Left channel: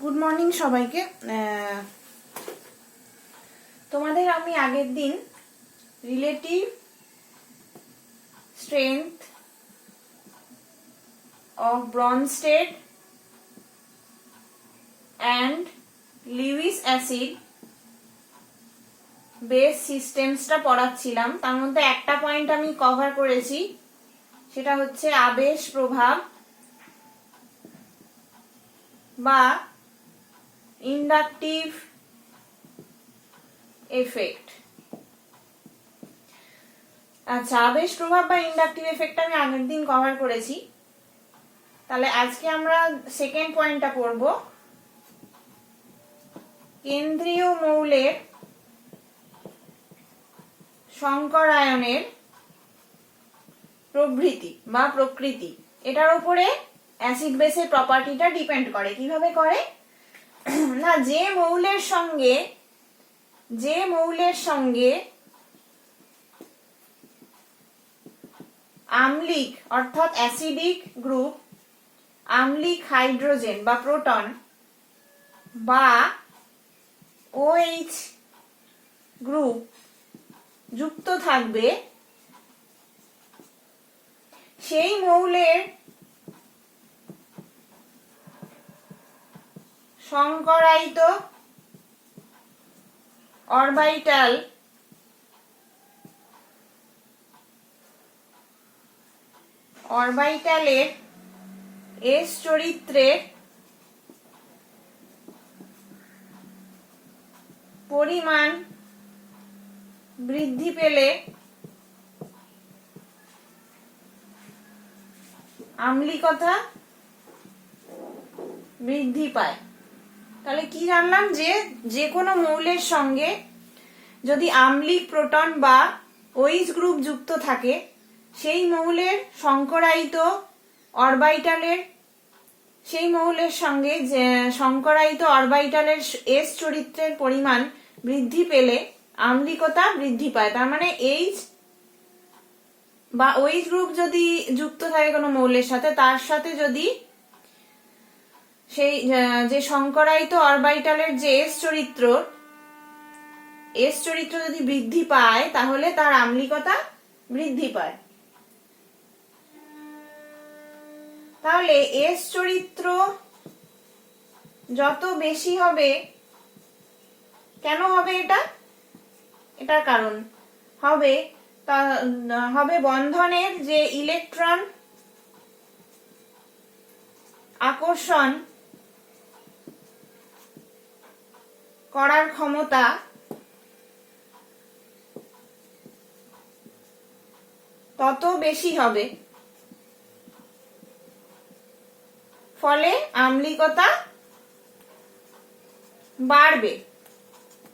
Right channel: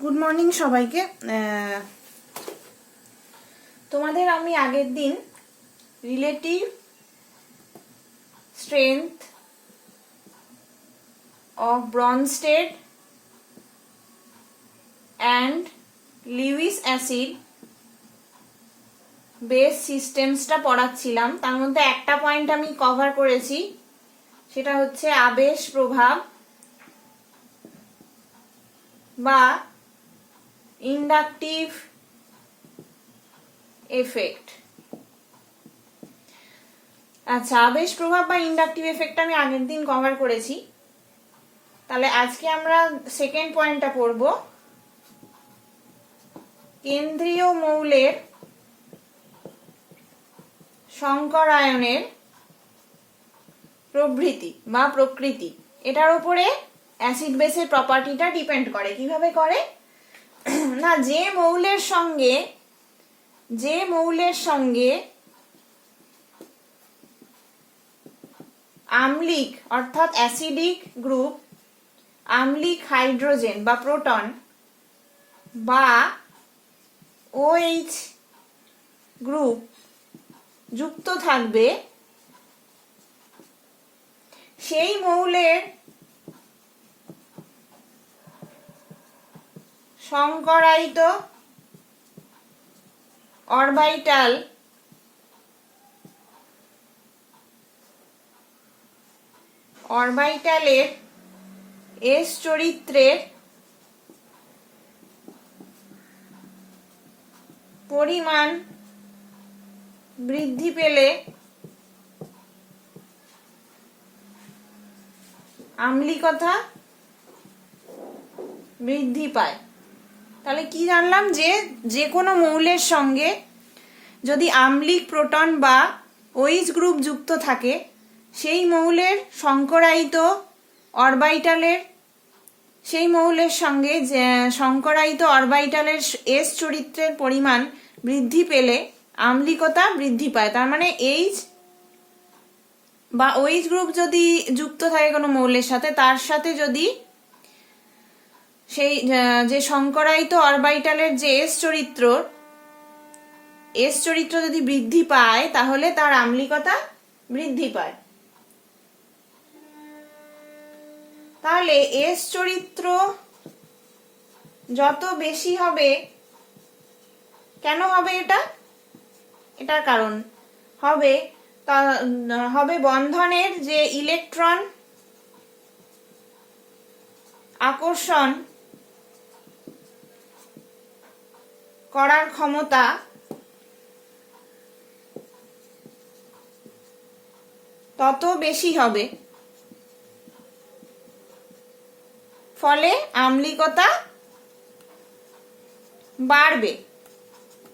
Good morning সবাইকে। তোমাদের আমি আগের দিন relative strength of Bronsted and Lewis acid base সিস্টেমসটা পড়াচ্ছিলাম। তার মধ্যে একটা পয়েন্ট আমি কভার করেছি, সেটা হচ্ছে আবেশ প্রভাব বা ইন্ডাকটিভ এফেক্ট। আচ্ছা, আবেশ প্রভাব বা ইন্ডাকটিভ এফেক্ট আমি আগের দিন কভার করেছি। তাহলে আজকে আমরা সেকেন্ড পয়েন্টটা পড়ব, কেন্দ্রীয় মৌলের সংকরায়নের প্রবৃত্তি বা প্রকৃতি। এটার উপরে অ্যাসিড বেসের প্রপার্টিটা ডিপেন্ড করে। কিভাবে করে না, যে মৌলের সঙ্গে আম্লিক অর্থাৎ অ্যাসিডিক গ্রুপ, আম্লিক হাইড্রোজেন বা প্রোটন বা OH গ্রুপ যুক্ত থাকবে, সেই মৌলের সংকরায়িত অরবিটালের এস চরিত্রের পরিমাণ বৃদ্ধি পেলে আম্লিকতা বৃদ্ধি পায়। তাহলে কি জানলাম, যে কোনো মৌলের সঙ্গে যদি আম্লিক প্রোটন বা OH গ্রুপ যুক্ত থাকে, সেই মৌলের সংকরায়িত অরবিটালের এস চরিত্রের পরিমাণ বৃদ্ধি পেলে আম্লিকতা বৃদ্ধি পায়। তার মানে H বা OH গ্রুপ যদি যুক্ত থাকে কোনো মৌলের সাথে, তার সাথে যদি সেই যে সংকরায়িত অরবিটালের যে এস চরিত্র যদি বৃদ্ধি পায়, তাহলে তার আম্লিকতা বৃদ্ধি পায়। তাহলে এস চরিত্র যত বেশি হবে, কেন হবে এটার কারণ হবে বন্ধনের যে ইলেকট্রন আকর্ষণ করার ক্ষমতা তত বেশি হবে, ফলে আম্লিকতা বাড়বে।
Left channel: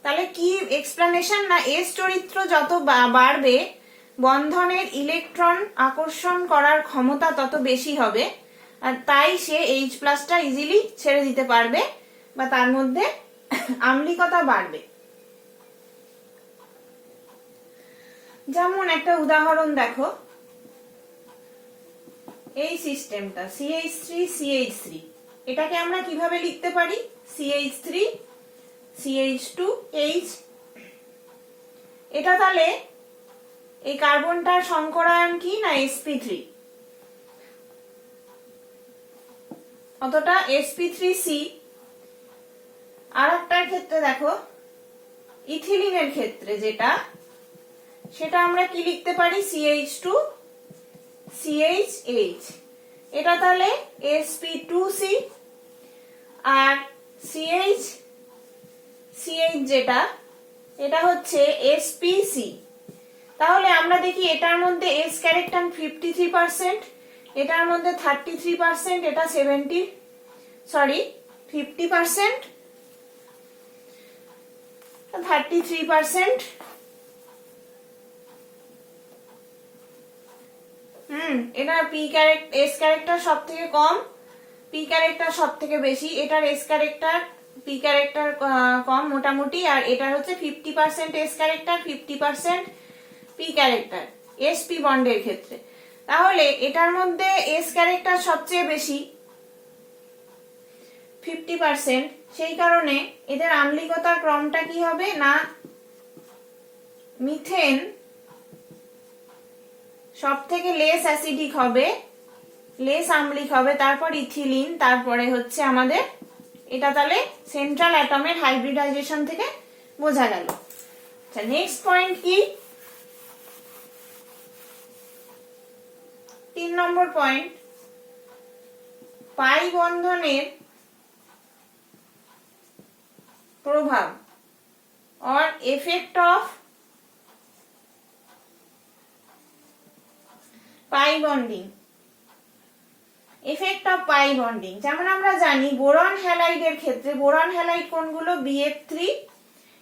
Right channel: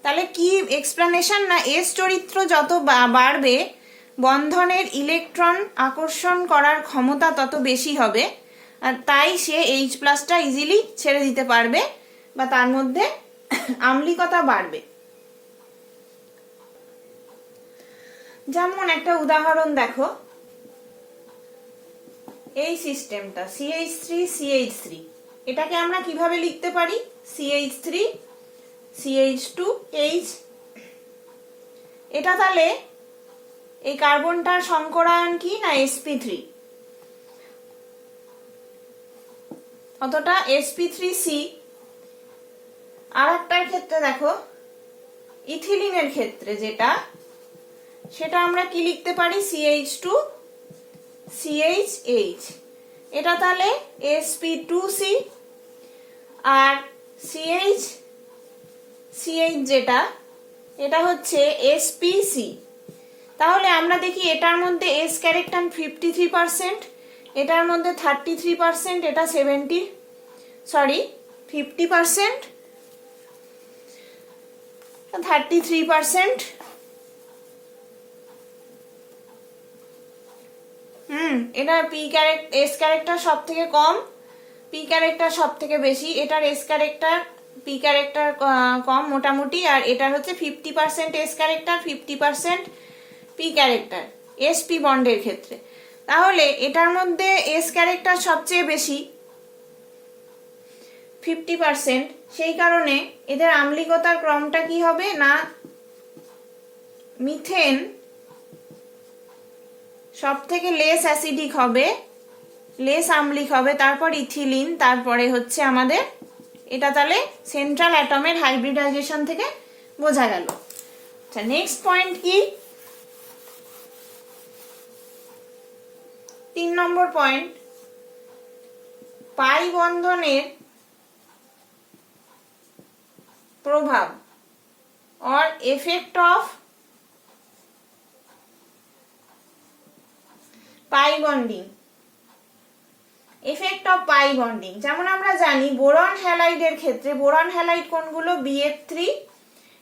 তাহলে কি এক্সপ্লেনেশন, না এস চরিত্র যত বাড়বে, বন্ধনের ইলেকট্রন আকর্ষণ করার ক্ষমতা তত বেশি হবে, আর তাই সে H+টা ইজিলি ছেড়ে দিতে পারবে বা তার মধ্যে আম্লিকতা বাড়বে। যেমন একটা উদাহরণ দেখো, এই সিস্টেমটা CH3CH3, এটাকে আমরা কিভাবে লিখতে পারি? CH3CH2H। এটা তাহলে এই কার্বনটার সংকরায়ন কি, না sp3, অতটা sp3c। আর একটার ক্ষেত্রে দেখো, ইথিলিনের ক্ষেত্রে সেটা আমরা কি লিখতে পারি? CH2CHH। এটা তাহলে sp2c। আর CH এটা হচ্ছে spc। তাহলে আমরা দেখি এটার মধ্যে S ক্যারেক্টার 53%, এটার মধ্যে 33%, এটা 50%, 33%। এটা S ক্যারেক্টার সব থেকে কম, P ক্যারেক্টার সব থেকে বেশি। এটার S ক্যারেক্টার P ক্যারেক্টার কম মোটামুটি, আর এটার হচ্ছে 50% S character, 50% P character sp বন্ডের ক্ষেত্রে। তাহলে এটার মধ্যে S ক্যারেক্টার সবচেয়ে বেশি, 50%, সেই কারণে এদের আম্লিকতার ক্রমটা কি হবে না মিথেন সব থেকে লেস অ্যাসিডিক হবে, লেস আম্লিক হবে, তারপর ইথিলিন, তারপরে হচ্ছে আমাদের এটা তাহলে সেন্ট্রাল অ্যাটমের হাইব্রিডাইজেশন থেকে বোঝা গেল। আচ্ছা, নেক্সট পয়েন্ট কি? 3 নম্বর পয়েন্ট, পাই বন্ধনের প্রভাব or effect of pi bonding. Effect of pi bonding, যেমন আমরা জানি বোরন হ্যালাইডের ক্ষেত্রে, বোরন হ্যালাইড কোনগুলো? BF3,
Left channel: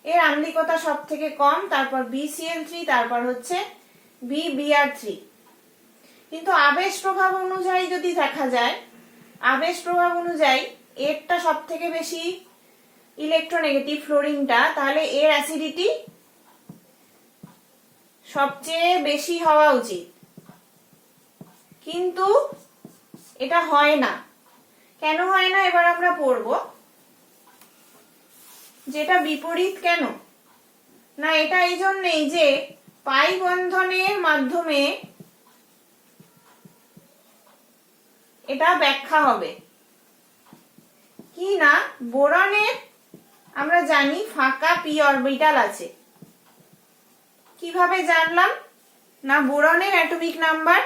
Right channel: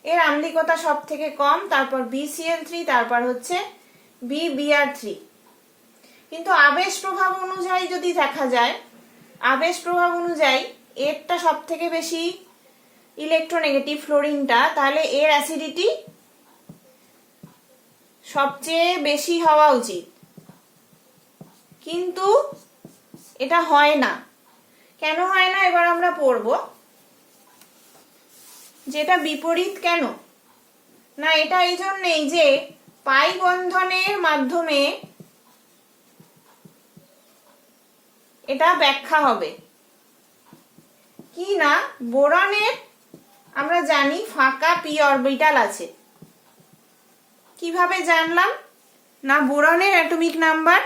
এর আম্লিকতা সব থেকে কম, তারপর BCl3, তারপর হচ্ছে BBr3। কিন্তু আবেশ প্রভাব অনুযায়ী যদি দেখা যায়, আবেশ প্রভাব অনুযায়ী এরটা সব থেকে বেশি ইলেকট্রোনেগেটিভ, ফ্লোরিনটা, তাহলে এর অ্যাসিডিটি সবচেয়ে বেশি হওয়া উচিত, কিন্তু এটা হয় না। কেন হয় না এবার আমরা পড়ব, যেটা বিপরীত কেন না, এটা এই জন্যই যে পাই বন্ধনের মাধ্যমে এটা ব্যাখ্যা হবে কি না, বোরনের আমরা জানি ফাঁকা পি অরবিটাল আছে। কিভাবে জানলাম না, বোরনের অ্যাটমিক নাম্বার,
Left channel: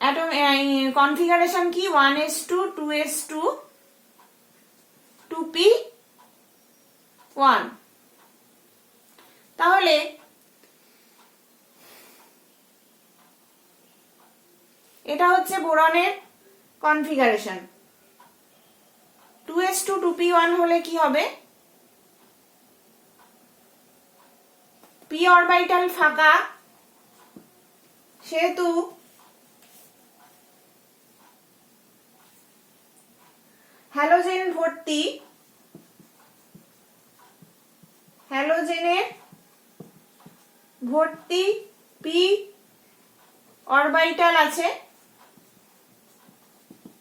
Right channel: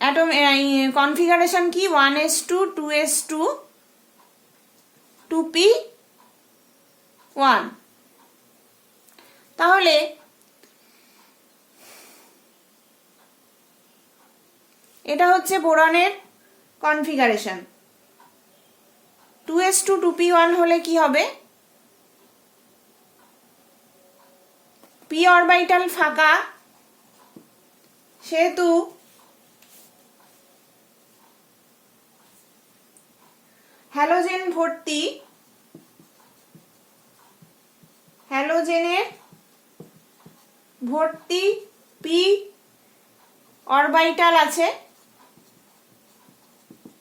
অ্যাটম কনফিগারেশন কি? 1s2 2s2 2p1। তাহলে এটা হচ্ছে বোরনের কনফিগারেশন। 2s2 2p1 হলে কি হবে? পি অরবিটাল ফাঁকা, সেহেতু হ্যালোজেন ভর্তি, হ্যালোজেনের ভর্তি পি অরবিটাল আছে,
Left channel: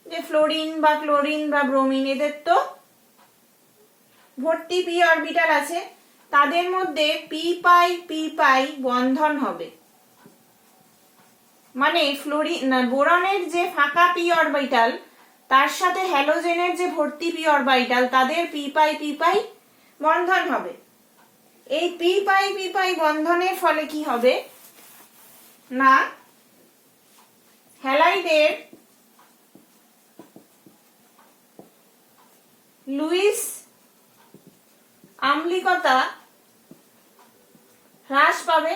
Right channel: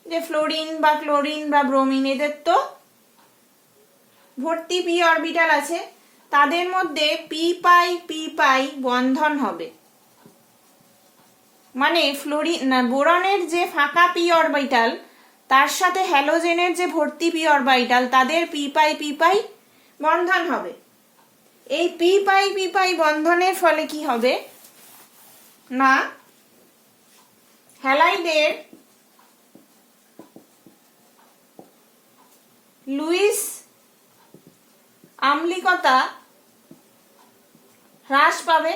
যে ফ্লোরিন বা ক্লোরিন বা ব্রোমিন, এদের তো ভর্তি পি অরবিটাল আছে, তাদের মধ্যে পি পাই বন্ধন হবে। মানে বোরনের যে ফাঁকা পি অরবিটাল তার সাথে হ্যালোজেনের যে ভর্তি পি অরবিটাল, তাদের পি পাই বন্ধন হবে। এই পি পাই বন্ধনের ফলে কি হবে না, হ্যালাইডের লুইস আম্লিকতা হ্রাস পাবে।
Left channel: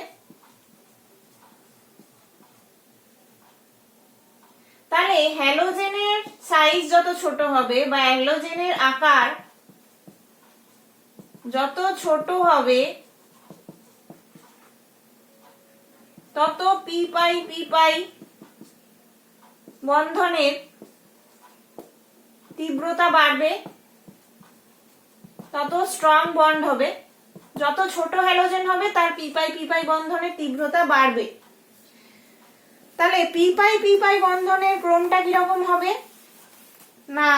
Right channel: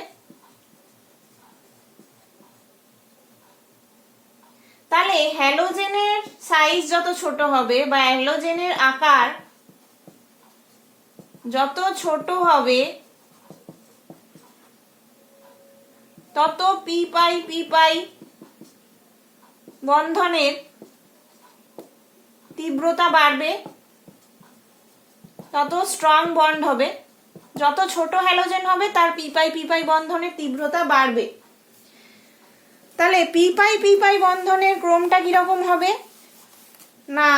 তাহলে হ্যালোজেনের সাইজ যত ছোট হবে বা হ্যালোজেনের আকার যত ছোট হবে, তত পি পাই বন্ধনের তীব্রতা বাড়বে, তত স্ট্রং বন্ড হবে। যত ছোট হ্যালোজেন হবে তার পি পাই বন্ধনের তীব্রতা বাড়বে। তাহলে পি পাই বন্ধনের ক্রমটা কিরকম হবে না,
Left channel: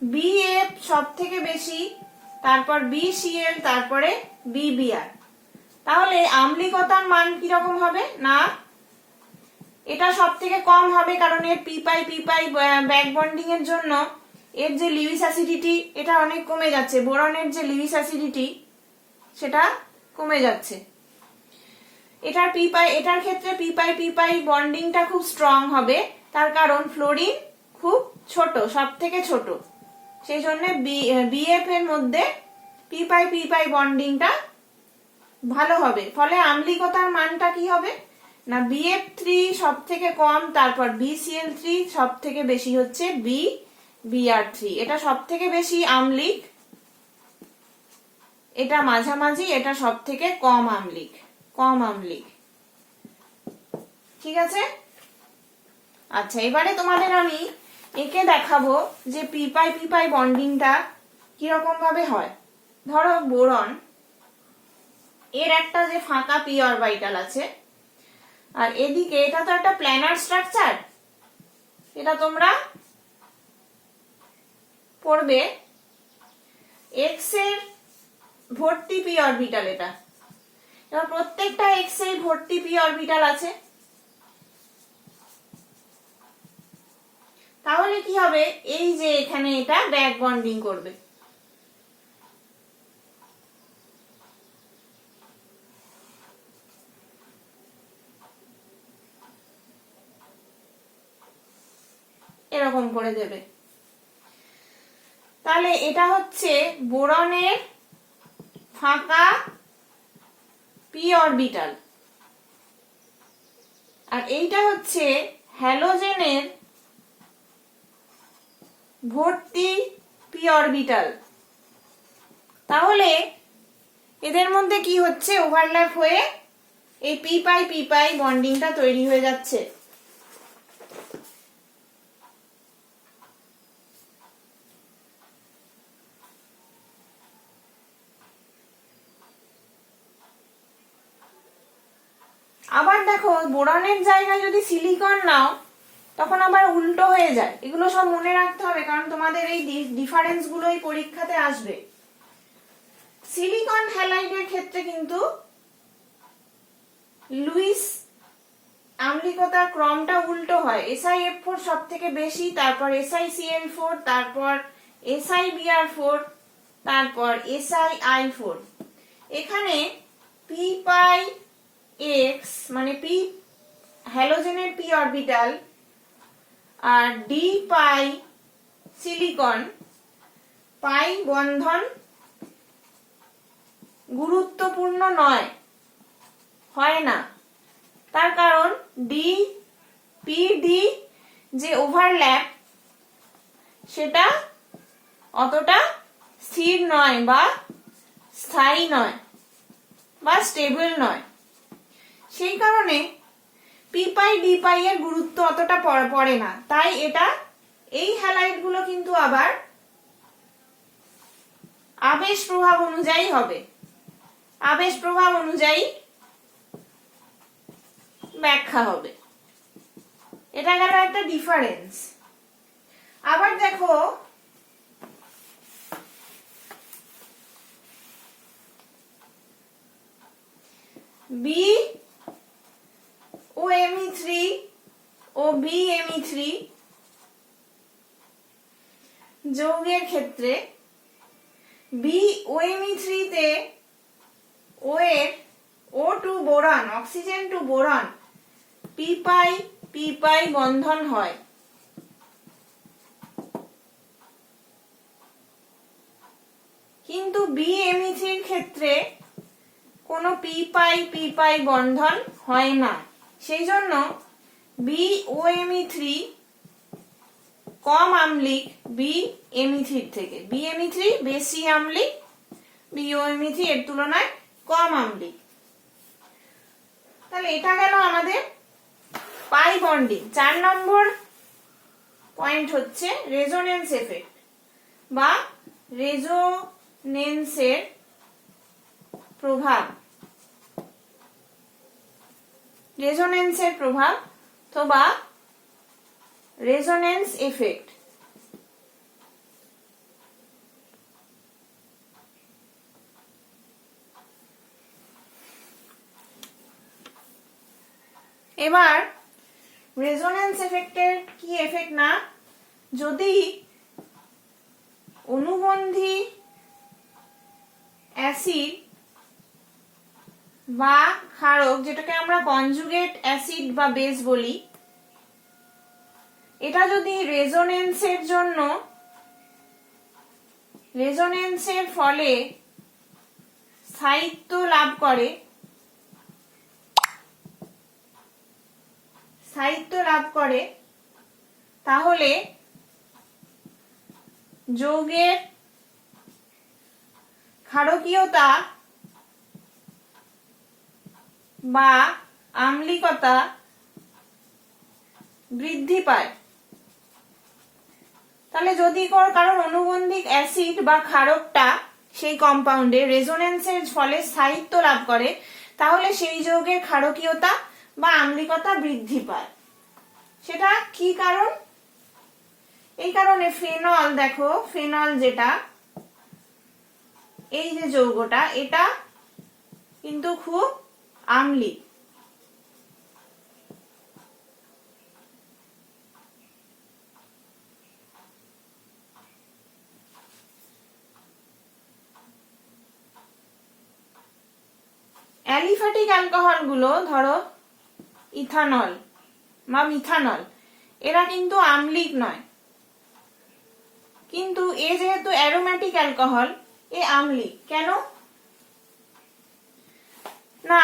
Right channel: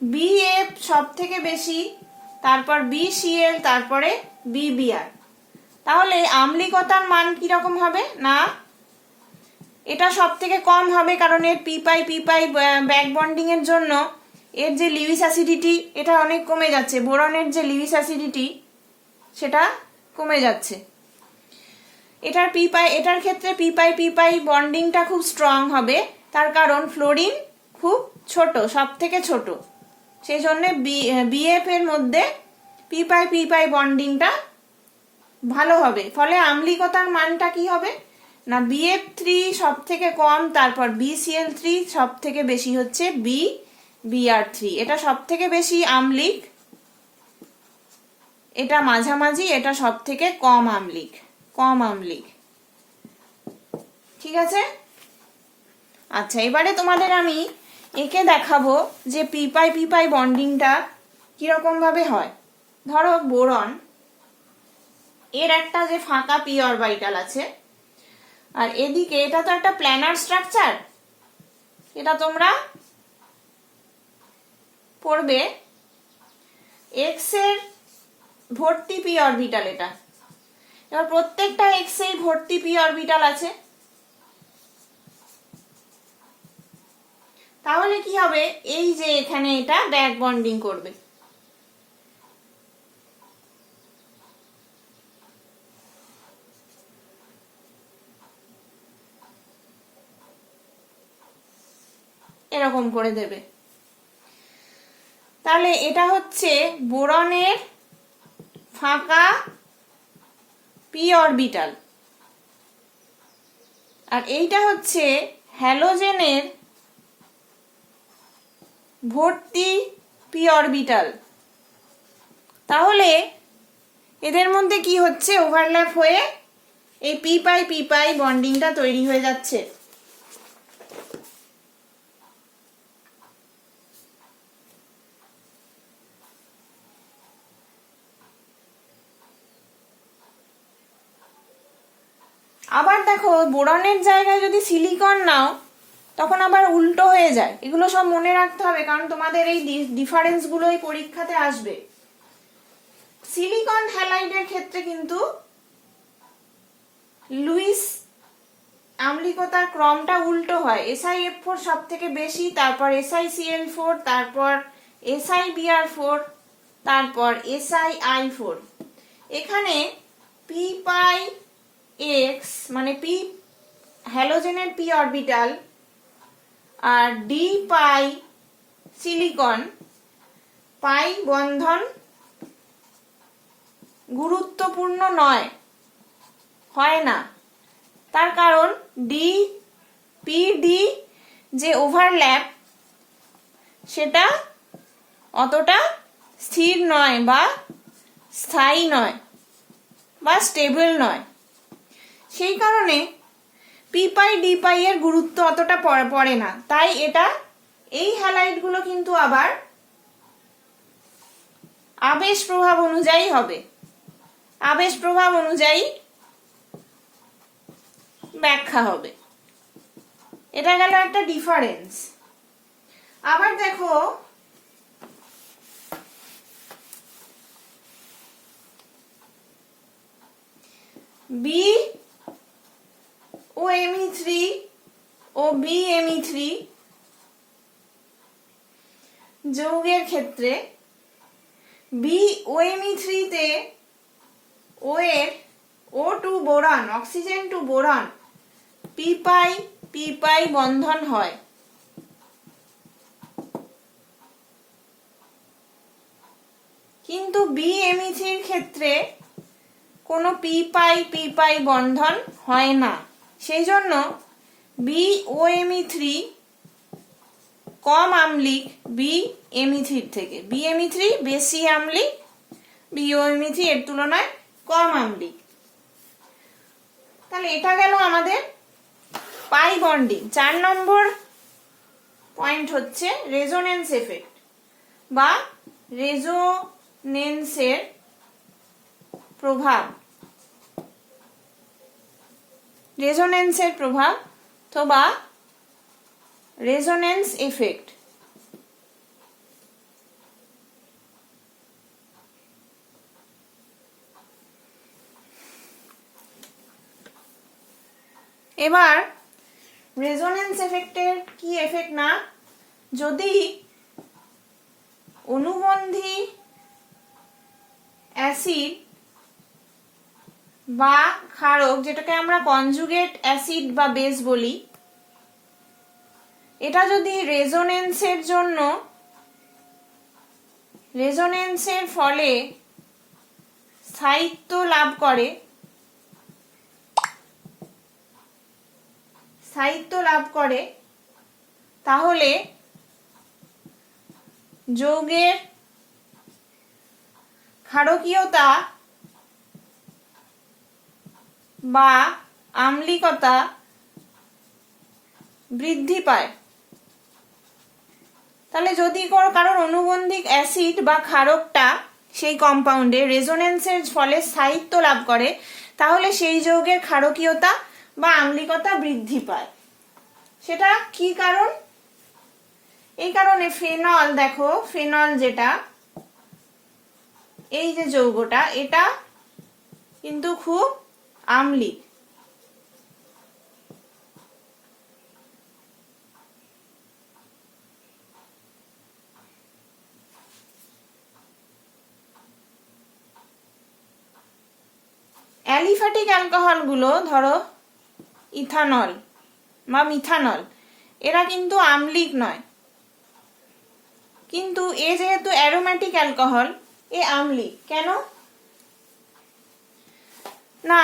BF সব থেকে বেশি, তারপর BCl, তারপরে BBr। তাহলে আম্লিকতার মান কিরকম হবে না, এটা সব থেকে কম হবে, কারণ এর পি পাই ব্যাক বন্ডিং এর জন্য এর যে লিউইস অ্যাসিডিটি এটা অনেক কমে যাচ্ছে, বোরনের যে লিউইস অ্যাসিডিটি সেটা কমে যাচ্ছে। এটার ক্ষেত্রে পি পাই বন্ডিংটা খুব স্ট্রং হবে, তার কারণ ফ্লোরিন খুব ছোট, সব থেকে ছোট, সেই জন্য BF এর মধ্যে পি পাই বন্ডিংটা ভালো হবে। ফলে আম্লিকতার মানটা কি হবে না, BF3 সব থেকে কম, তারপর BCl3 সব থেকে বেশি হচ্ছে BBr3। এটা সব থেকে বেশি আম্লিক, এটা মাঝামাঝি, এটা সব থেকে কম আম্লিক। ঠিক আছে। আচ্ছা, এবারে তোমাদের আমি একে দেখাবো যে পি পাই বন্ডিংটা কিরকম ভাবে হয়। ধরো বোরন, এর একটা যে ফাঁকা পি অরবিটাল আছে, আর এদিকে এটা তো একটা প্ল্যানার স্ট্রাকচার, এটা তোমরা করবে এক্স এর ভর্তি পি অরবিটাল। এটা এবার প্রত্যেকটা এক্স এর ভর্তি পি অরবিটাল আছে, তাহলে কি হবে, এই যে এখানে এটা ব্যাক বন্ডিং করবে। এরকম করে দেবে। তাহলে এটা হচ্ছে বোরনের ফাঁকা পি অরবিটাল, আর এইটা হচ্ছে হ্যালোজেনের ভর্তি পি অরবিটাল। তাহলে এদের মধ্যে কি হচ্ছে, ওভারল্যাপ হয়ে এই পি পাই বন্ডিংটা তৈরি হয়ে যাচ্ছে। আবার দেখো বোরনের জায়গায় যদি সিলিকন নাও তখন আবার উল্টো হয়ে যায়। এগুলো সব মনে রাখতে হবে, কারণ তোমাদের এই ডিফারেন্স গুলোই পরীক্ষাতে আসবে। সিলিকন হ্যালাইডের ক্ষেত্রে কিন্তু লুইস আম্লিকতার ক্রমটা উল্টো হয়। SiF4 সব থেকে বেশি, তারপর SiCl4, তারপর SiBr4, তারপর SiI4। এখানে p পাই এক্স মানে পি হ্যালোজেনের পি অরবিটাল আর ডি পাই সিলিকন পাই বন্ধন গুরুত্বপূর্ণ নয়, হয় না। তার কারণ ডি পি ডি যে ওভারল্যাপ সেটা অতটা স্থির নয় বা স্থায়ী নয় বা স্টেবল নয়। সেই কারণে পি পাই ডি পাই এর গুরুত্ব অতটা পড়ে না। তাই এটা এই হ্যালাইড গুলো কিন্তু আবার আবেশ প্রভাব অনুযায়ী হবে, আবেশ প্রভাব অনুযায়ী ব্যাখ্যা হবে। এটা গেল একটা ডিফারেন্স। আবার দেখো বি ও Me3 ও BMe3 যৌগের ক্ষেত্রে BOMe3 তে ও এর O2 boron, oxygen two boron P pi বন্ধন হয়। কিন্তু BMe3 এর ক্ষেত্রে কোনো পি পাই বন্ধন হয় না। সেই জন্য BOMe3 কম আম্লিক BMe3 থেকে। BMe3 বেশি আম্লিক, BOMe3 এর তুলনায় কম আম্লিক। তাহলে এটা গেল আমাদের পাই বন্ডিং। 4 নম্বর পয়েন্ট হচ্ছে রেজোনেন্স এফেক্ট বা রেজোনেন্সের প্রভাব। রেজোনেন্সের প্রভাব অথবা রেজোনেন্স এফেক্ট। এবার রেজোনেন্স এফেক্টের কি এফেক্ট না, যদি অনুবন্ধী অ্যাসিড বা ক্ষারক, যেটাকে আমরা কনজুগেট অ্যাসিড বা বেস বলি, এটা যদি রেজোনেন্সের ফলে স্থায়িত্ব লাভ করে তাহলে যৌগের ক্ষারকীয়তা বা আম্লিকতা বৃদ্ধি পায়। তাহলে যদি কারণ অনুবন্ধিক অ্যাসিড বা ক্ষারকটা সেই কম্পাউন্ডে রেজোনেন্সের ফলে স্থায়িত্ব লাভ করে, তাহলে সেই যৌগের ক্ষারকীয়তা বা আম্লিকতা বৃদ্ধি পায়। সেটা কি কারণ? এই কারণে ফেনল, দেখো ফেনল যেটা, এই যে যৌগটা, এটা কিন্তু খুব আম্লিক। অ্যালিফ্যাটিক অ্যালকোহল গুলো, ধরো ইথানল বা মিথানল, এরা কিন্তু আম্লিক নয়, কিন্তু এ যেহেতু অ্যারোমেটিক অ্যালকোহল, এ আম্লিক। কেন না,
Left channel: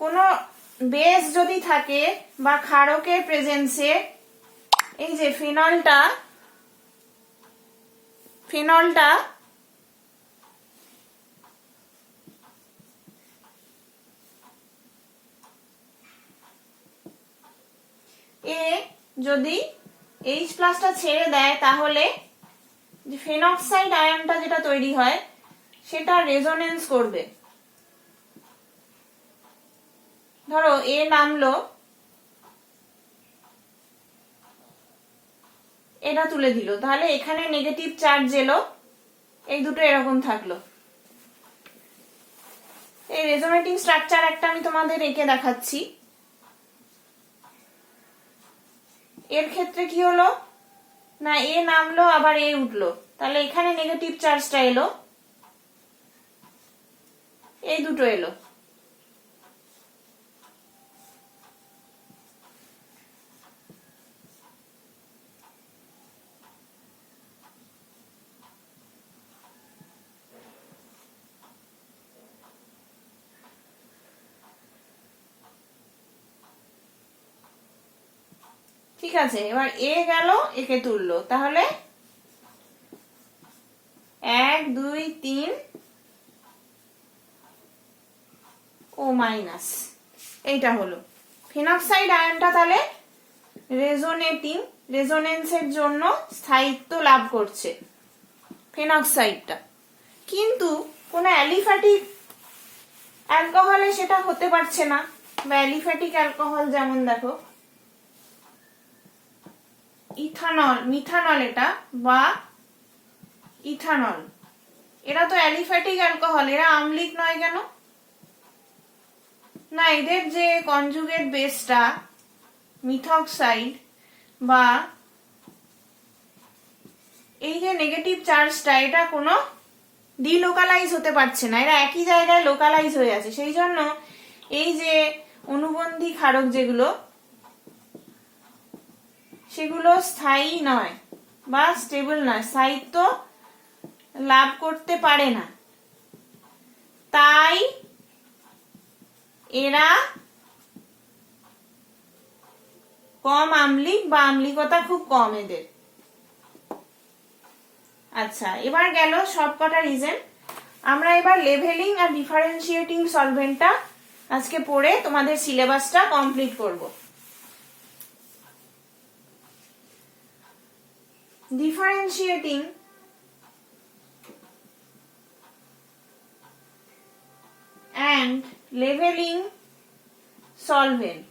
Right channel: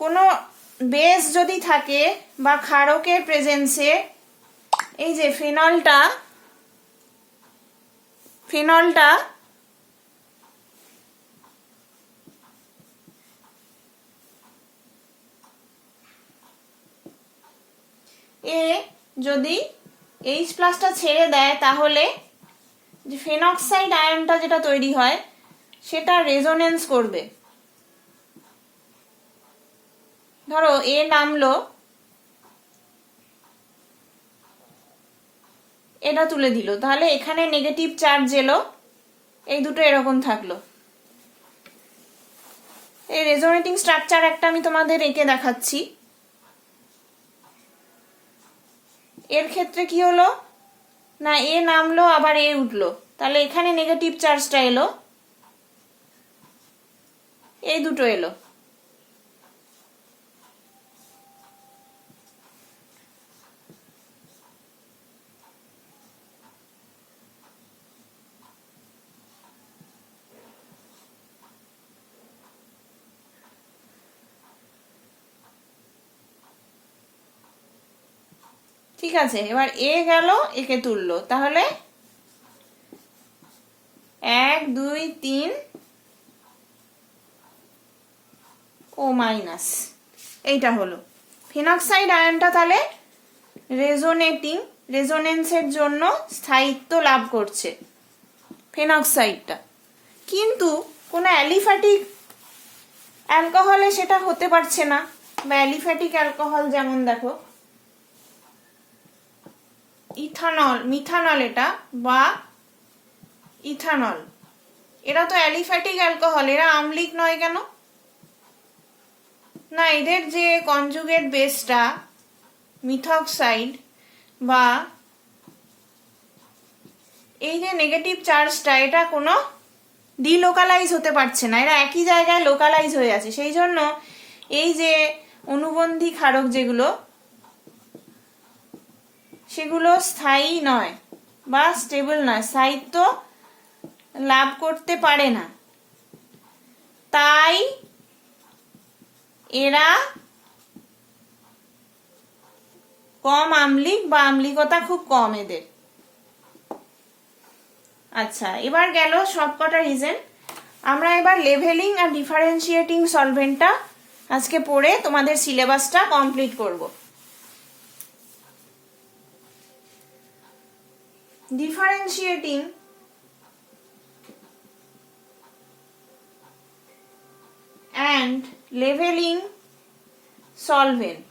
কোনো বেস যদি থাকে বা ক্ষারকের প্রেজেন্সে, এই যে ফেনলটা এ যদি H প্লাসটা ছেড়ে দেয়, তাহলে যে ফেনক্সাইড আয়নটা যেটা তৈরি হয় সেটা রেজোনেন্স করবে। ধরো এ নামলো, এটা তুলে দিল, তাহলে এখানে নেগেটিভ চার্জ এলো, এই দুটো এরকম থাকলো। এই রেজোনেটিং স্ট্রাকচার একটা আমি তোমাদের এঁকে দেখাচ্ছি। এর ক্ষেত্রে কি হলো না, এ নামলো আবার এ উঠলো, তাহলে এখানে নেগেটিভ চার্জটা এলো, এই দুটো এলো। ঠিক আছে, এবার এ গেল, একে তুললো, তাহলে 1 2 3 ও মাইনাস, এইটা হলো ফিনক্সাইড আয়নটা। তাহলে রেজোনেন্সের জন্য স্থায়িত্ব লাভ করছে ফেনক্সাইডটা, কিন্তু কোন অ্যালিফ্যাটিক অ্যালকোহলে সেটা হতে পারছে না। বা অ্যালিফ্যাটিক অ্যালকোহল যেমন দেখো ইথানল, মিথানল এটা, বা ইথানল, এরা তো অ্যালিফ্যাটিক অ্যালকোহল, এরা আম্লিক নয় কেন না, এদের যে কনজুগেট বেসটা মিথক্সাইড বা এই যে নেগেটিভ চার্জটা, এটা কোনো ডিলোকালাইজ হতে পারছে না, এরা একই জায়গায় লোকালাইজ হয়ে আছে। সেই জন্য এই যে অনুবন্ধী ক্ষারক যেগুলো, সেগুলো স্থায়ী নয় বা স্টেবল নয়, স্থায়িত্ব লাভ করতে পারে না। তাই এরা কম আম্লিক বা আম্লিকতা খুব কম এদের। আচ্ছা, এবার গেল সবকটা রিজন। আমরা এবার লেভেলিং আর ডিফারেন্সিয়েটিং সলভেন্টটা আজকে পড়ে তোমাদের সিলেবাসটা কমপ্লিট করব। ডিফারেন্সিয়েটিং and leveling solvent,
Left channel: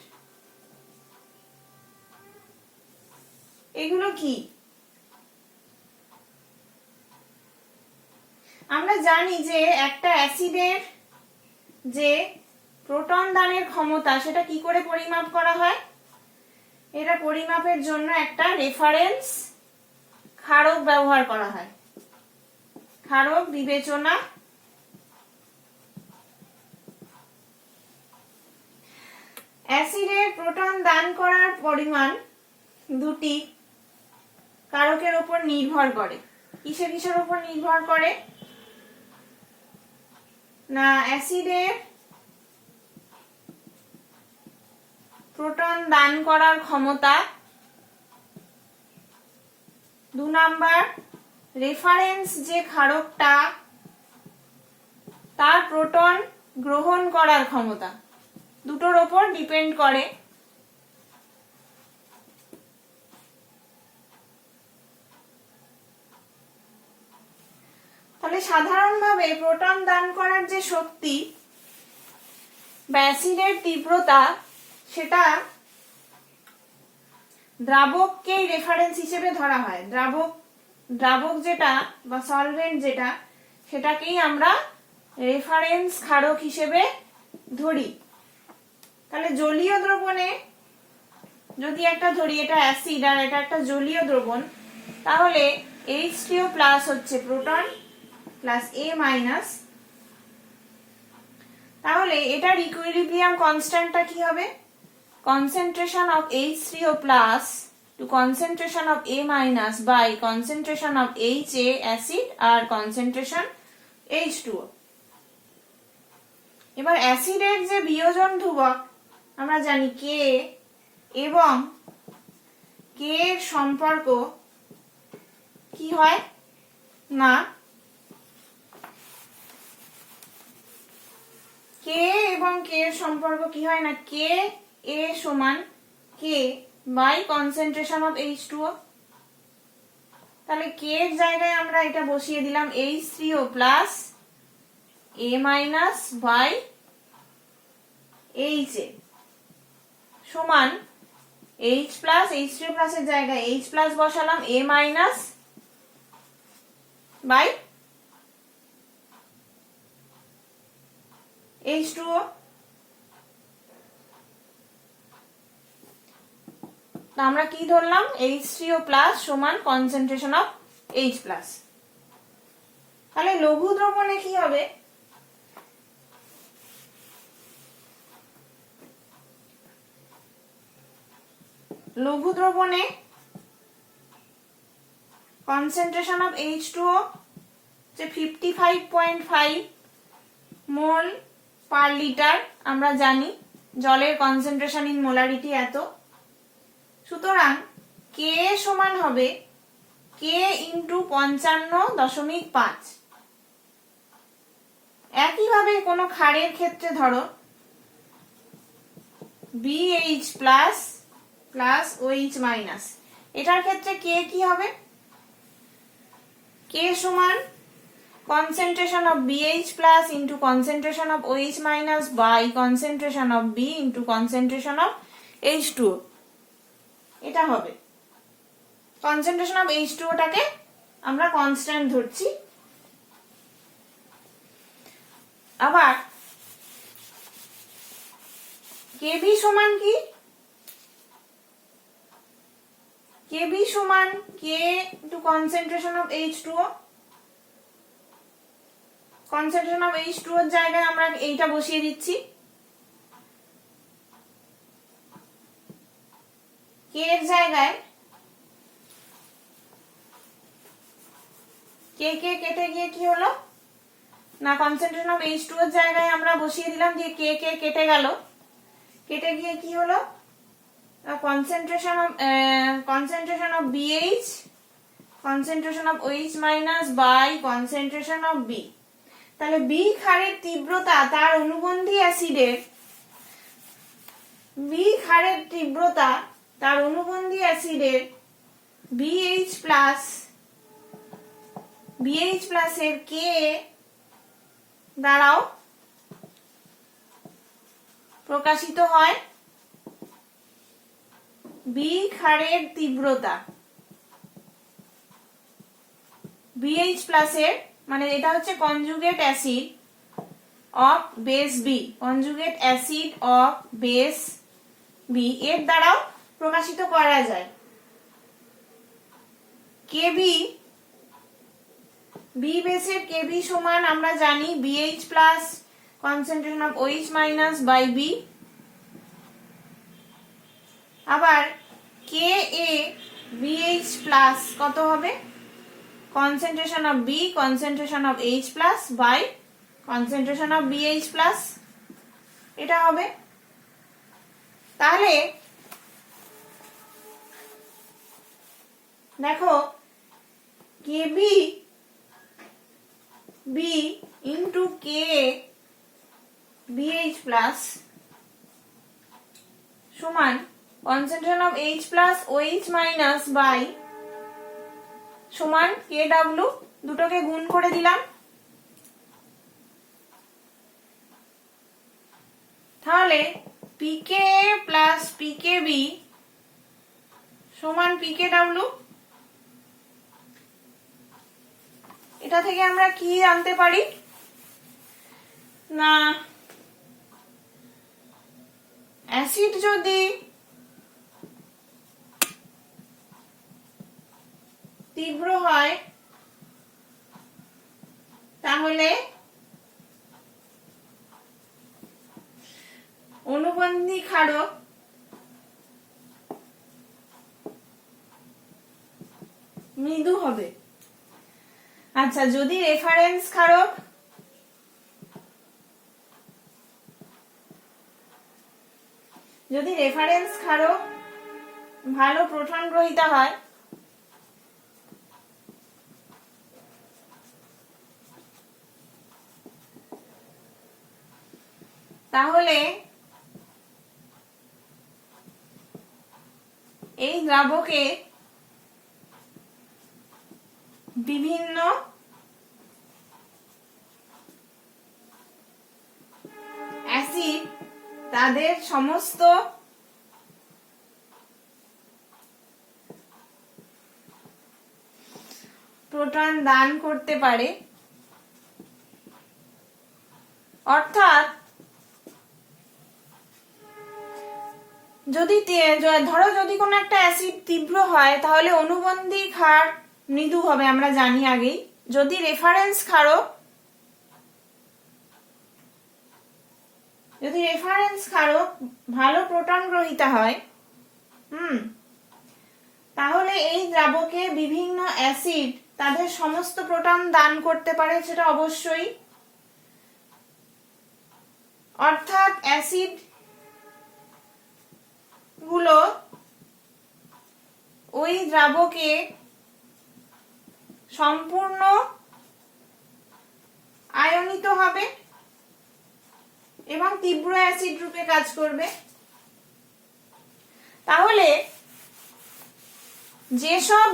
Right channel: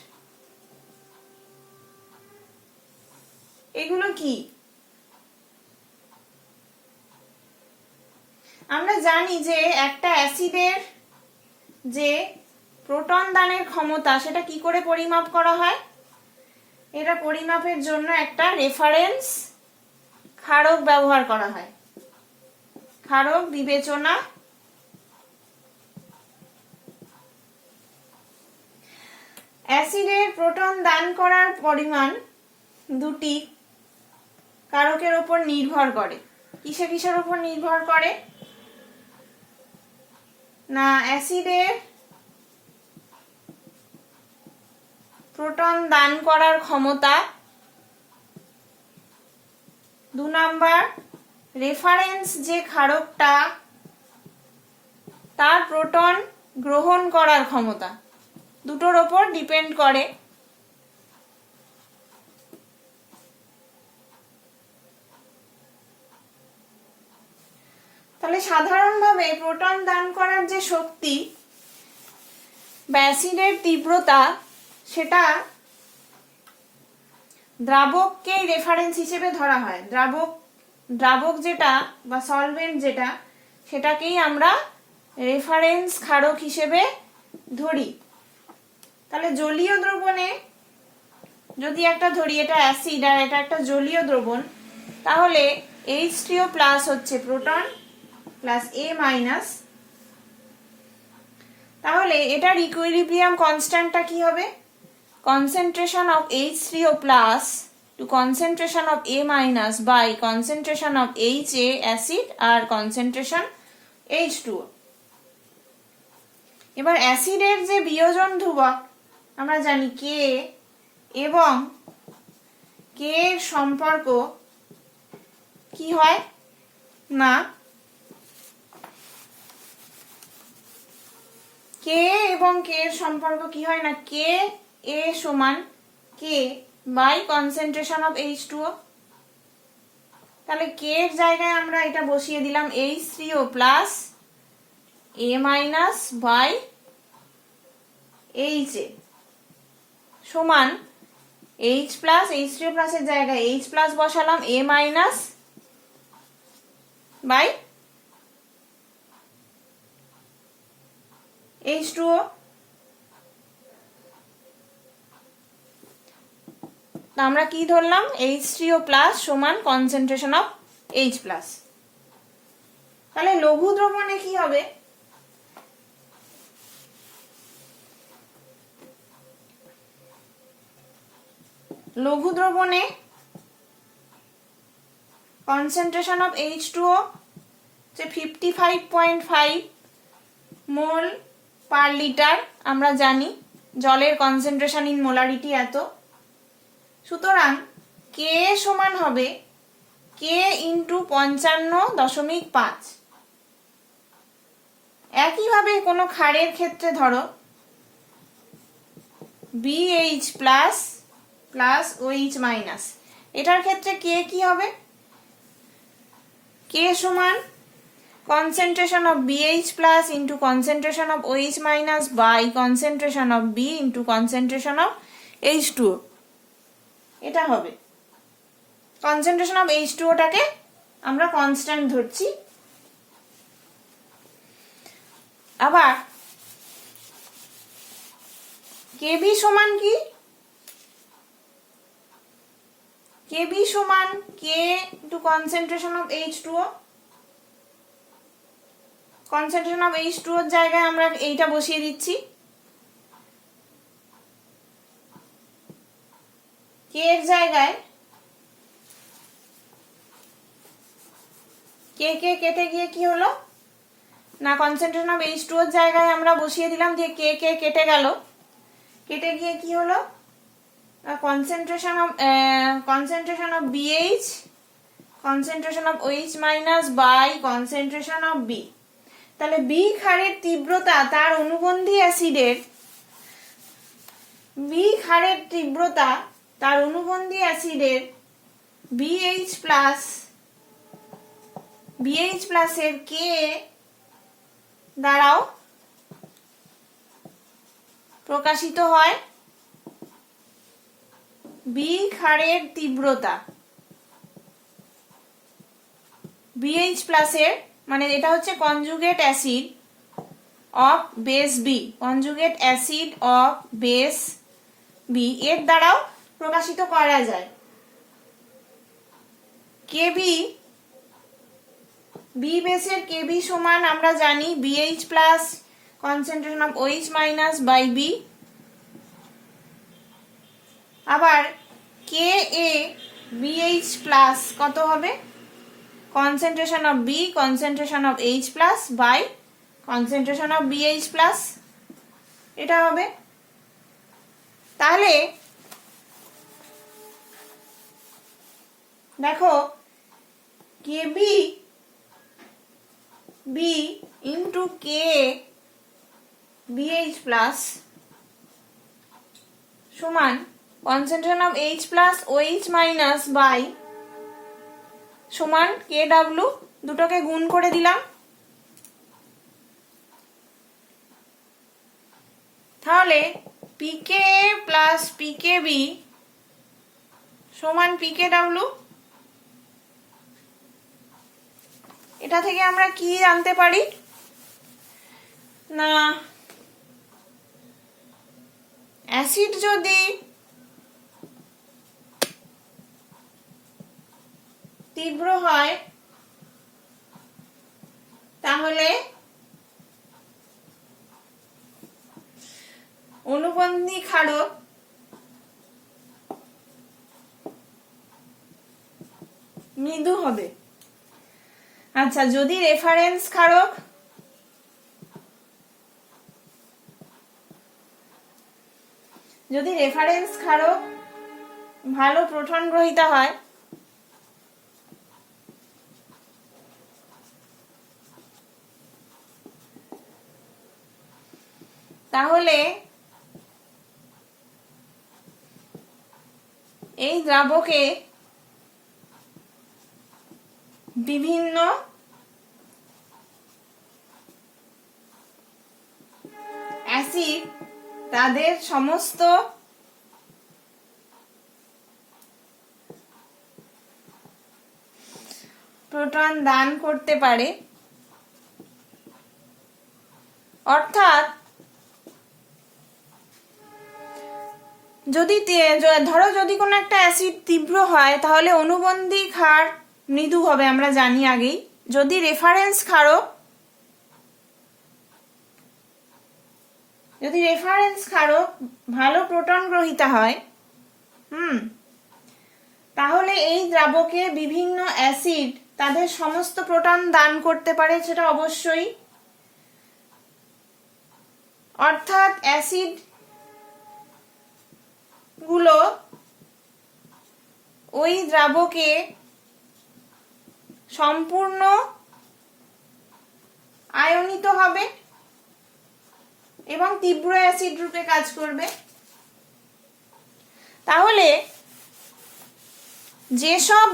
এগুলো কি? আমরা জানি যে একটা অ্যাসিডের যে প্রোটন দানের ক্ষমতা, সেটা কি করে পরিমাপ করা হয়? এটা পরিমাপের জন্য একটা রেফারেন্স ক্ষারক ব্যবহার করা হয়, ক্ষারক বিবেচনা। অ্যাসিডের প্রোটন দান করার পরিমাণ দুটি কারকের উপর নির্ভর করে। কিসের উপর নির্ভর করে না, অ্যাসিডের প্রোটন দান করার ক্ষমতা, 2 নাম্বার রেফারেন্স যে ক্ষারকটা, তার প্রোটন গ্রহণ করার ক্ষমতা, দুটোর উপর ডিপেন্ড করে। তাহলে সাধারণভাবে প্রোটন দান করার যে শক্তি বা অ্যাসিডের তীব্রতা, সেটা দ্রাবককেই রেফারেন্স হিসেবে ধরা হয়। দ্রাবক যেটা বা সলভেন্ট যেটা, সেটাকেই আমরা রেফারেন্স ক্ষারক হিসেবে ধরি। তাহলে জলীয় দ্রবণে যদি একটা ধরি, এটা অ্যাসিড আর এটা একটা জলীয় দ্রবণ, তাহলে H3O প্লাস হচ্ছে প্রোটন প্লাস A মাইনাস। তাহলে এটার ইকুইলিব্রিয়াম কনস্ট্যান্টটা কি হবে? Concentration of H3O plus to concentration of A minus by concentration of HA acid আর কনসেন্ট্রেশন H2O। এবার অ্যাসিডের যে বিয়োজন ধ্রুবক আমরা জানি K, এবং K এর সম্পর্ক কি হয় না K এবং K এর সম্পর্ক কি হয় না K A সমান K by concentration of H2O। তাহলে K এর জায়গায় আমরা এটা বসিয়ে দিলাম H3O plus A minus by HA সমান H প্লাস H3O প্লাস এর জায়গায় H প্লাস বসালাম A মাইনাস বাই H2O। আমরা কি ধরলাম? H3O প্লাস সমান কনসেন্ট্রেশন অফ H প্লাস। তাহলে লঘু দ্রবণে কি হবে? লঘু দ্রবণে কনসেন্ট্রেশন অফ H2O যে 55.5 মোল পার লিটার, আমরা জানি জলের কনসেন্ট্রেশন ইন মোলারিটি এত। সুতরাং K সমান হবে K ইন্টু 55.5। একইভাবে কোনো ক্ষারের ক্ষেত্রে ধরো BH plus plus OH minus, এটার ক্ষেত্রে K কি হবে? K সমান concentration of BH plus into concentration of OH minus by concentration of B into concentration of H2O। এটা হবে concentration of H2O টাকে আমরা কনস্ট্যান্ট ধরছি। আবার KB সমান কি? KB সমান K into concentration of H2O। Concentration of H2O এর জায়গায় আমরা এইটা বসিয়ে দিচ্ছি। K এর জায়গায় K কেটে গিয়ে কি হলো না, কনসেন্ট্রেশন অফ H2O এর জায়গায় আমরা বসিয়ে দিলাম যে K কেটে গেল, কেটে গিয়ে কি হলো concentration of BH concentration of OH minus by concentration of B। তাহলে B ক্ষারের তীব্রতা তার অনুবন্ধী অ্যাসিডের BH প্লাস এর K দ্বারাও প্রকাশিত হয়। B ক্ষারের তীব্রতা BH প্লাস এর, মানে এটা হচ্ছে conjugate acid of base B, conjugate acid of base B এর দ্বারাও প্রকাশিত করা যায়। KB B বেসের KB সমান আমরা জানি BH plus concentration of OH minus by B। আবার KA BH প্লাস কত হবে? concentration of B concentration of H plus by concentration of BH plus, এটা হবে। তাহলে দেখো KB B into K BH plus সমান concentration of H plus OH minus by সমান KW, দুটোকে গুণ করে দিলাম। তাহলে PK প্লাস PKB সমান PKW। এটা থেকে আমরা কি জানতে পারি না অ্যাসিড যদি তীব্র হয় তাহলে অনুবন্ধী ক্ষারক মৃদু হবে। আচ্ছা, যদি রেফারেন্স ক্ষারক ভালো প্রোটন গ্রহীতা হয় তাহলে এই দ্রাবকে বিভিন্ন অ্যাসিড তাদের সমস্ত প্রোটন দান করতে পারে। অর্থাৎ যদি ধরো যদি কোনো একটা অ্যাসিড তীব্র হয় তাহলে অনুবন্ধী ক্ষার মৃদু হবে, আমরা জানি আগেই। যদি রেফারেন্স ক্ষারক ভালো প্রোটন গ্রহীতা হয় তাহলে এই দ্রাবকে বিভিন্ন অ্যাসিড তাদের সমস্ত প্রোটন দান করতে পারে, সেটা অবশ্যই। অর্থাৎ অ্যাসিড গুলো ওই দ্রাবকে সম্পূর্ণ আয়নিত হবে এবং তীব্র অ্যাসিড রূপে কাজ করবে। তাহলে যেসব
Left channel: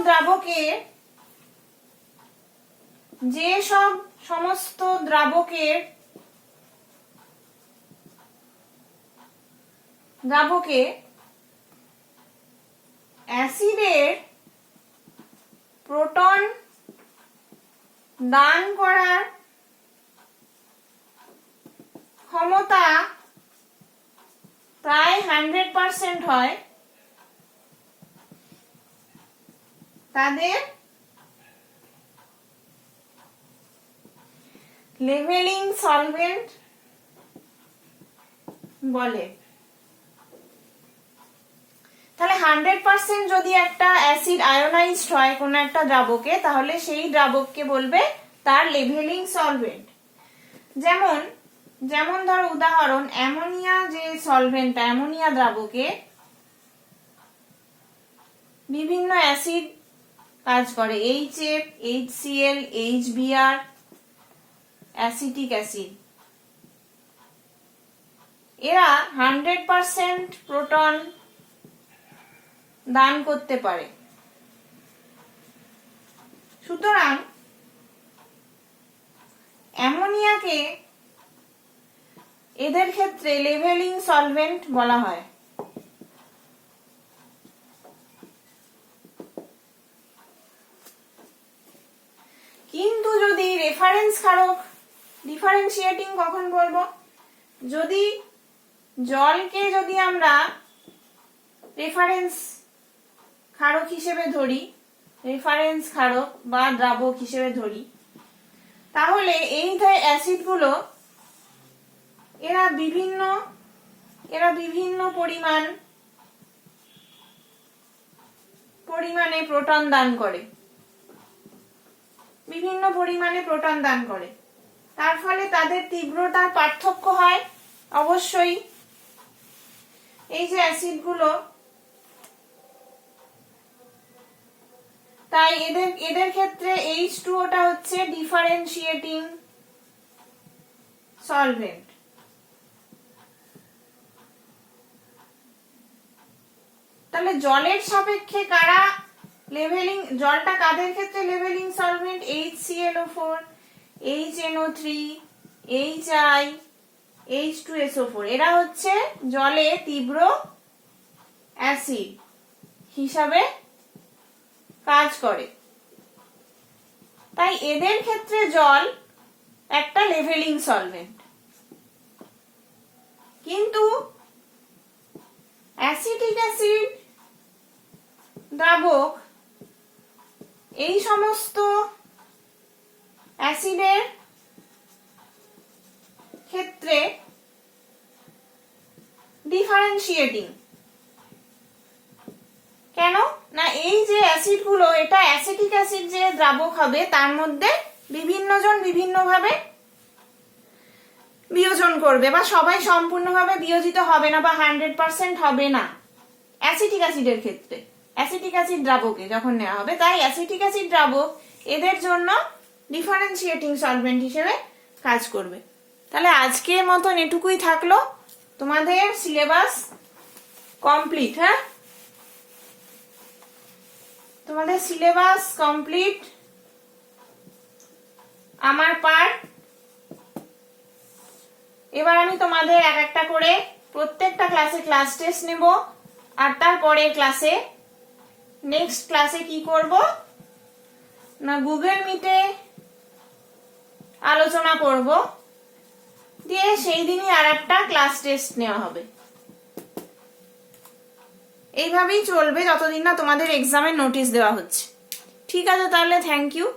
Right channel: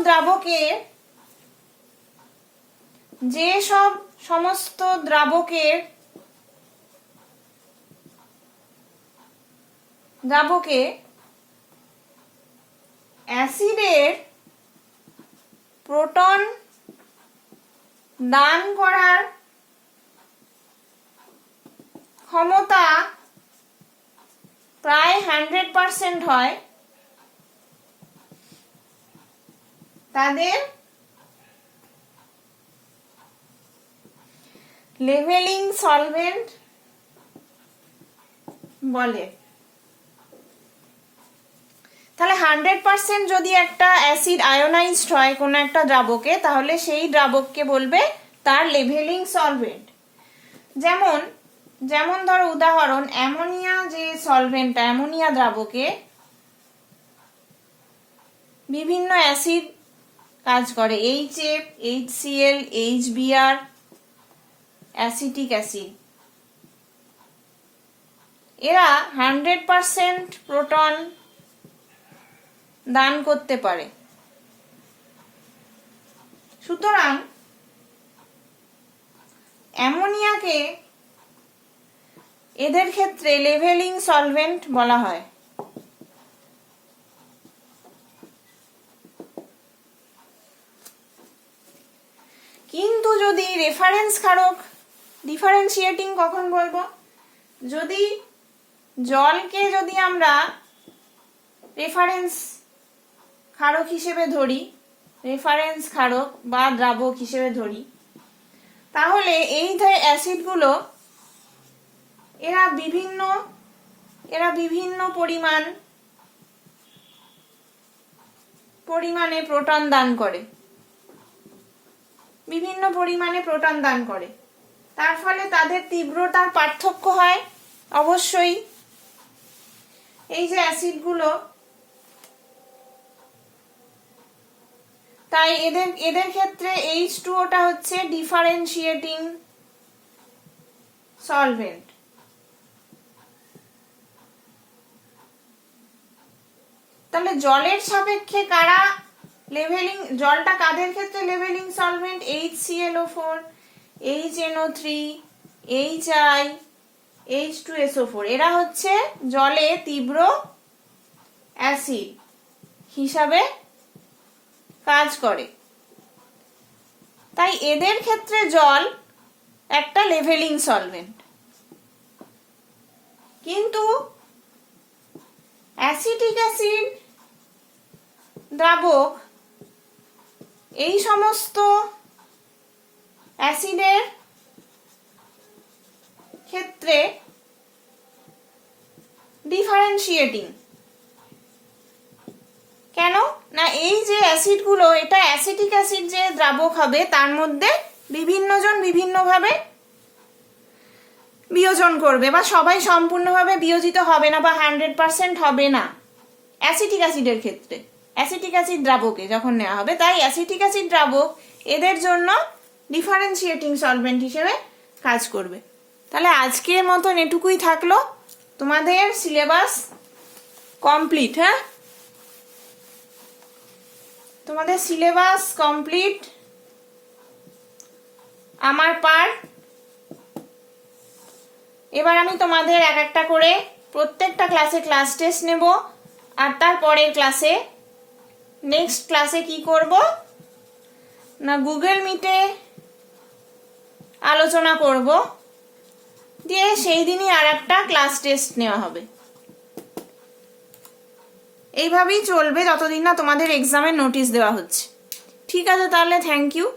সমস্ত দ্রাবকে অ্যাসিডের প্রোটন দান করার ক্ষমতা প্রায় 100% হয়, তাদের লেভেলিং সলভেন্ট বলে। তাহলে 100% যদি একটা অ্যাসিড আয়োনাইজড হয় কোন একটা দ্রাবকে, তাহলে সেই দ্রাবককে বলবে তার লেভেলিং সলভেন্ট। যেমন ধরো উদাহরণ, অ্যামোনিয়া যে সলভেন্ট, অ্যামোনিয়া দ্রাবকে বিভিন্ন অ্যাসিড কাজ করে, HF, HCl, HBr, acetic acid. এরা 100% প্রোটন দান করতে পারে। সুতরাং অ্যামোনিয়াকে এদের ক্ষেত্রে লেভেলিং সলভেন্ট বলা হয়। কিন্তু যদি রেফারেন্স ক্ষারক, ডিফারেন্সিয়েটিং কখন বলবো, যদি জলকে যদি আমরা রেফারেন্স ক্ষারক হিসেবে ধরি, রেফারেন্স ক্ষারক বা দ্রাবক হিসেবে ধরি, তাহলে এই অ্যাসিডগুলো এরা বিভিন্ন পরিমাণে প্রোটন দান করে, তার ফলে তাদের তীব্রতার পার্থক্য হয় অবশ্যই। এই যে অ্যাসিডগুলো, তাই এদের ক্ষেত্রে H2O-টা হচ্ছে ডিফারেন্সিয়েটিং সলভেন্ট। তাহলে জলের সাপেক্ষে জলটা কাদের ক্ষেত্রে leveling solvent? HClO4, HNO3, HI, H2SO4, এরা হচ্ছে জলে তীব্র অ্যাসিড হিসাবে কাজ করে। তাই এদের ক্ষেত্রে জল একটা লেভেলিং সলভেন্ট। কিন্তু অ্যাসিটিক অ্যাসিড, দ্রাবক, এই সমস্ত অ্যাসিডের ক্ষেত্রে ডিফারেন্সিয়েটিং। কেন না, এই যে অ্যাসিডগুলো, এটা অ্যাসিটিক অ্যাসিড যে দ্রাবক হবে তার মধ্যে বিভিন্ন জন বিভিন্নভাবে বিয়োজন করবে, বা সবাই সম্পূর্ণভাবে বিয়োজিত হবে না, বা 100% হবে না অ্যাসিটিক অ্যাসিডের ক্ষেত্রে, অ্যাসিটিক অ্যাসিড দ্রাবকে যখন নেওয়া হবে। তাই অ্যাসিটিক অ্যাসিড দ্রাবক এদের জন্য ডিফারেন্সিয়েটিং সলভেন্ট হিসেবে কাজ করবে। তাহলে আজকের মতন এটুকুই থাকলো, তোমাদের সিলেবাস কমপ্লিট। হ্যাঁ, তোমাদের সিলেবাস কমপ্লিট, আমার পার্ট। এবার আমি তোমাদের এক একটা করে প্রত্যেকটা ক্লাসে ক্লাস টেস্ট নেব, আর তারপরের ক্লাসে, নেক্সট ক্লাসে কি করব না, গুগল মিটে আলোচনা করব, দিয়ে সেই দিনই আর একটা ক্লাস টেস্ট নেওয়া হবে। এইভাবেই চলবে যতদিন না তোমাদের এক্সামের নোটিশ দেওয়া হচ্ছে। ঠিক আছে, তাহলে থ্যাংক ইউ।